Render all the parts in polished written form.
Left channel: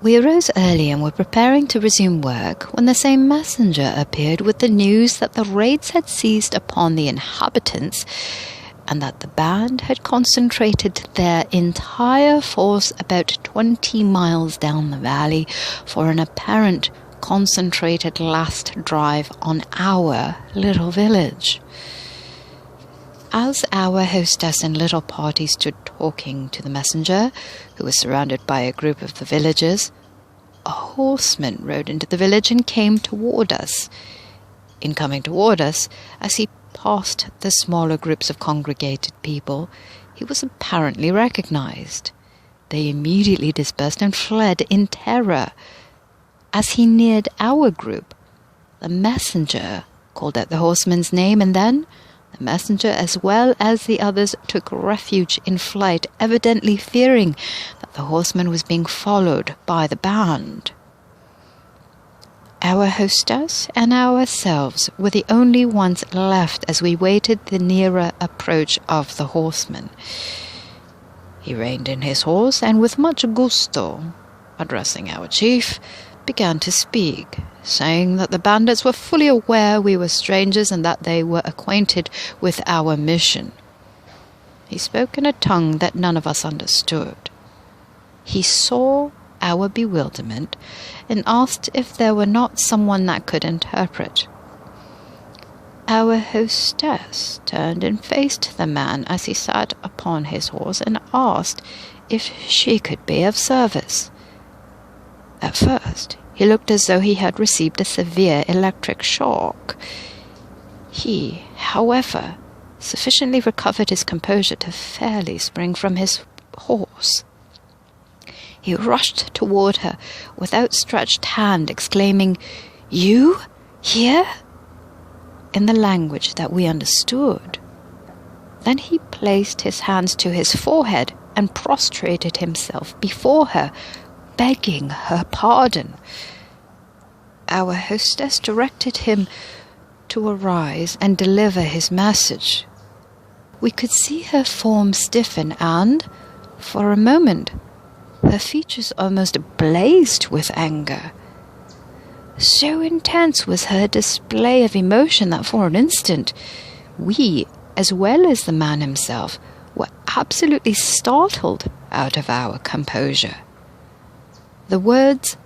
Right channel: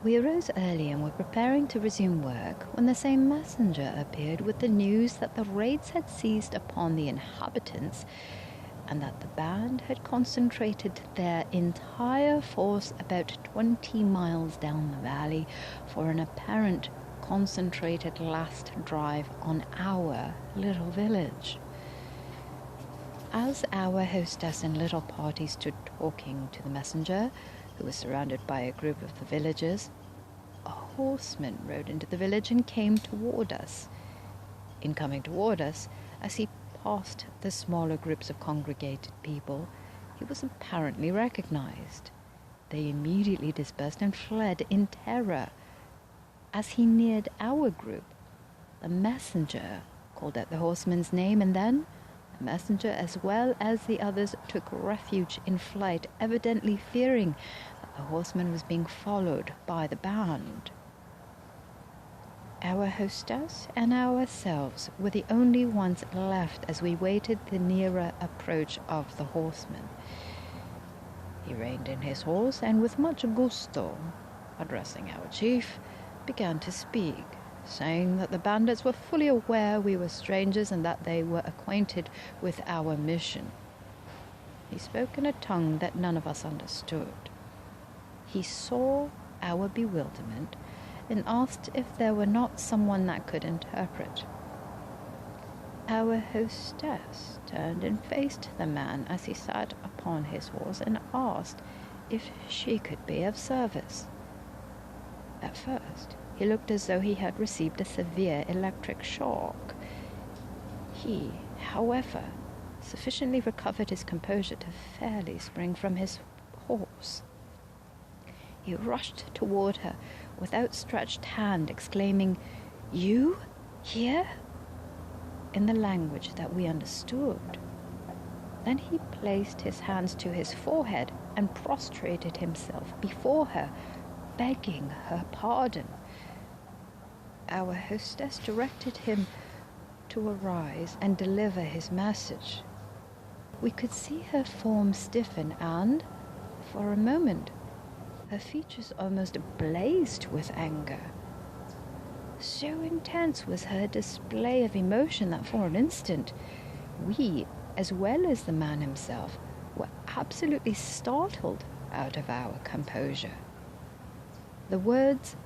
We arose early and were preparing to resume work when the same messenger appeared with the news that the raids had seized upon the inhabitants and that the band had concentrated their entire force about 20 miles down the valley for an apparent concentrated last drive on our little village. As our hostess and little party stood talking to the messenger, who was surrounded by a group of the villagers, a horseman rode into the village and came toward us. In coming toward us, as he passed the smaller groups of congregated people, he was apparently recognized. They immediately dispersed and fled in terror. As he neared our group, the messenger called out the horseman's name, and then the messenger, as well as the others, took refuge in flight, evidently fearing that the horseman was being followed by the band. Our hostess and ourselves were the only ones left as we waited the nearer approach of the horseman. He reined in his horse and with much gusto, addressing our chief, began to speak, saying that the bandits were fully aware we were strangers and that they were acquainted with our mission. He spoke in a tongue that none of us understood. He saw our bewilderment and asked if there were not someone that could interpret. Our hostess turned and faced the man as he sat upon his horse and asked if she could be of service. At first, he looked as though he had received a severe electric shock. He, however, sufficiently recovered his composure to fairly spring from his horse. He rushed toward her with outstretched hand, exclaiming, "You? Here?" in the language that we understood. Then he placed his hands to his forehead and prostrated himself before her, begging her pardon. Our hostess directed him to arise and deliver his message. We could see her form stiffen and, for a moment, her features almost blazed with anger. So intense was her display of emotion that for an instant, we, as well as the man himself, were absolutely startled out of our composure. The words,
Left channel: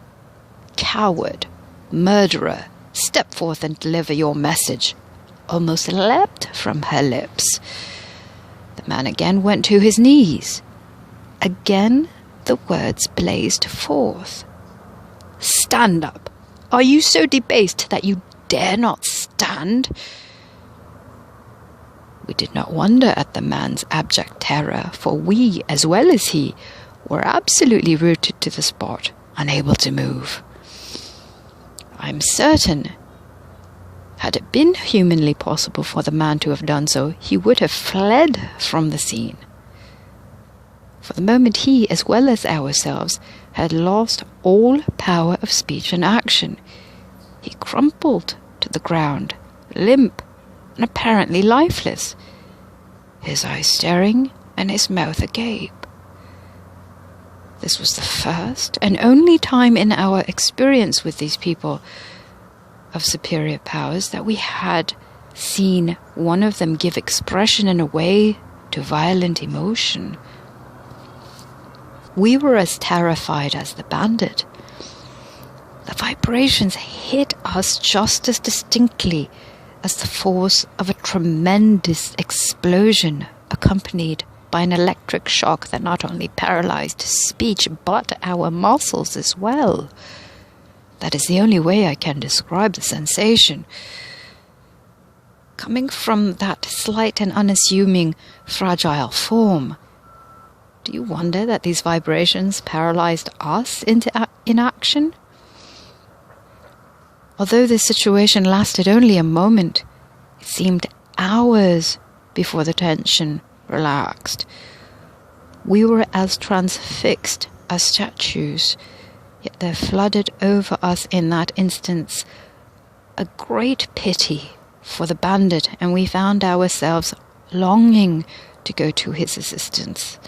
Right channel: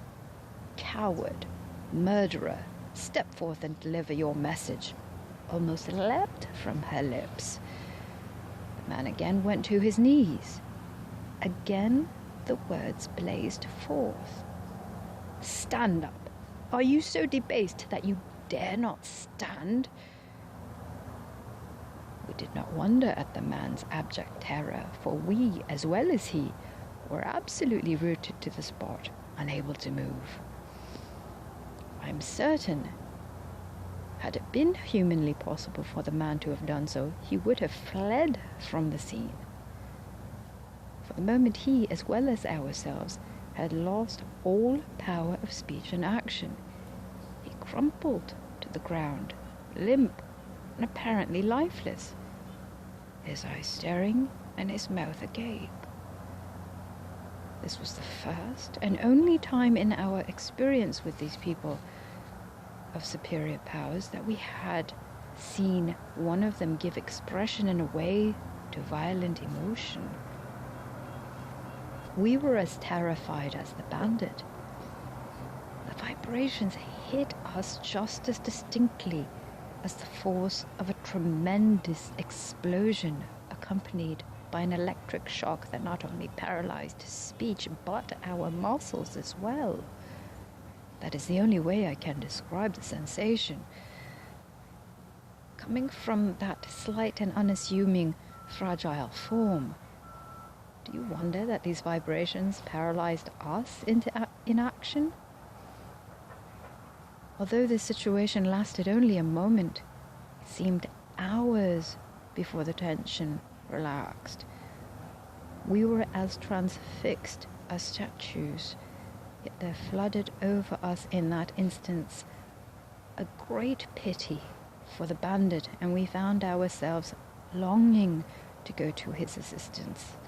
"Coward, murderer, step forth and deliver your message," almost leapt from her lips. The man again went to his knees. Again the words blazed forth. "Stand up! Are you so debased that you dare not stand?" We did not wonder at the man's abject terror, for we, as well as he, were absolutely rooted to the spot, unable to move. I am certain, had it been humanly possible for the man to have done so, he would have fled from the scene. For the moment he, as well as ourselves, had lost all power of speech and action. He crumpled to the ground, limp and apparently lifeless, his eyes staring and his mouth agape. This was the first and only time in our experience with these people of superior powers that we had seen one of them give expression in a way to violent emotion. We were as terrified as the bandit. The vibrations hit us just as distinctly as the force of a tremendous explosion accompanied by an electric shock that not only paralyzed speech but our muscles as well. That is the only way I can describe the sensation. Coming from that slight and unassuming, fragile form, do you wonder that these vibrations paralyzed us into inaction? Although this situation lasted only a moment, it seemed hours before the tension relaxed. We were as transfixed as statues, yet there flooded over us in that instance a great pity for the bandit, and we found ourselves longing to go to his assistance.